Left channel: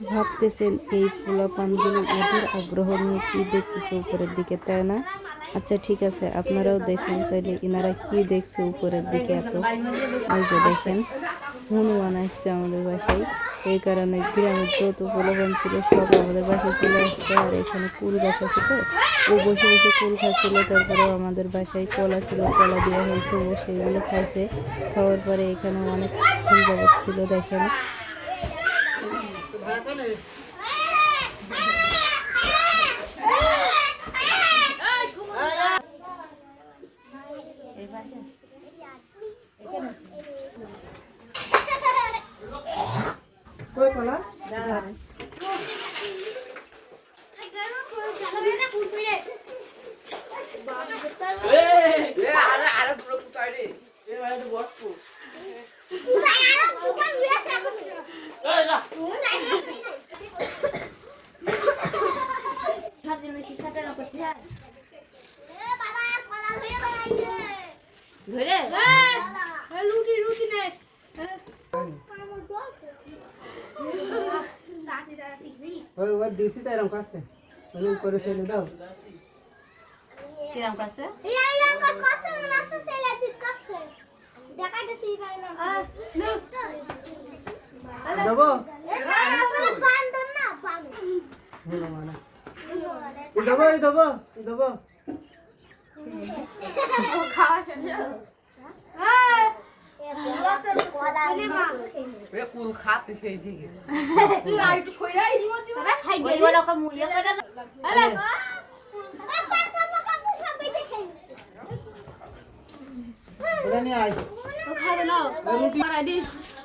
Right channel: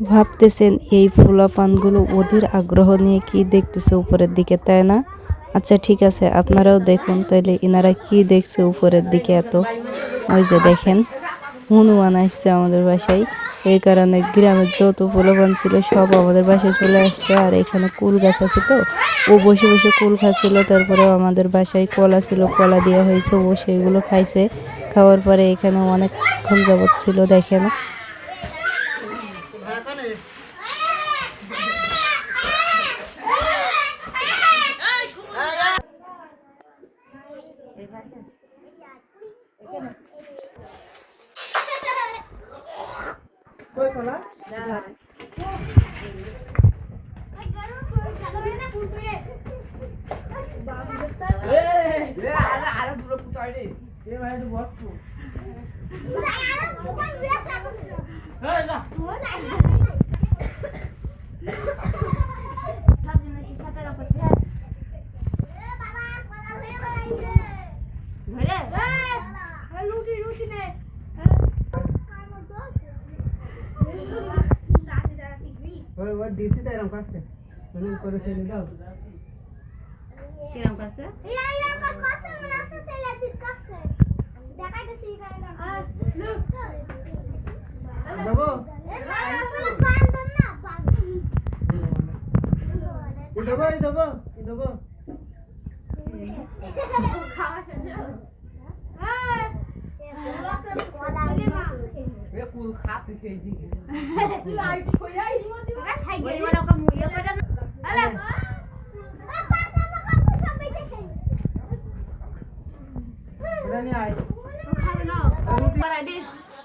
ভাবতেছেন এই পোলাপানগুলো অধীর আগ্রহ নিয়ে কি দেখতেছে উপরের দিকে, তাই না? আচ্ছা ঠিক আছে, আপনারাও দেখুন তাইলে এনারা কি দেখছে উপরের দিকে এত। ওই যে দেখেন হনুমান আসছে আমাদের বাসায়, এই কারণে গ্রামের যত পোলাপান ছিল সব আমাদের বাসায় চলে আসছে। আর এখানে কুল গাছ আছে তো, ও বসে বসে কুল খাচ্ছিল। তারপরেও আমাদের বাসায় কলা ছিল, কলা দেওয়া হয়েছে, ও সেগুলো খাইছে। খাওয়ার পরে এখানে অনেকক্ষণ যাবত ছিল দেখেন। ওই দিছি তো এরকম কাছে তুমি করে ফেলে দাও কিরম কাছে দেবো দেবো দেবো দেবো কুল খাতে সেই দিকে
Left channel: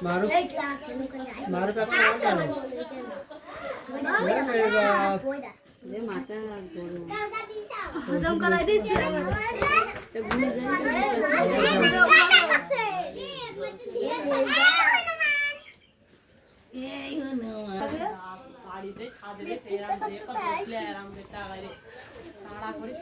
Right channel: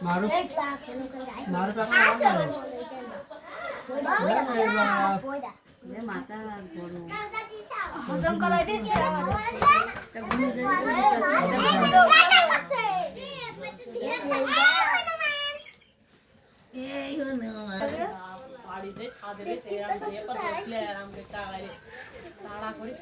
মারু মারু কাপড় মাথা গরম হজম করাই দিছি বাড়িতে ছাদে আরাম তাড়া করে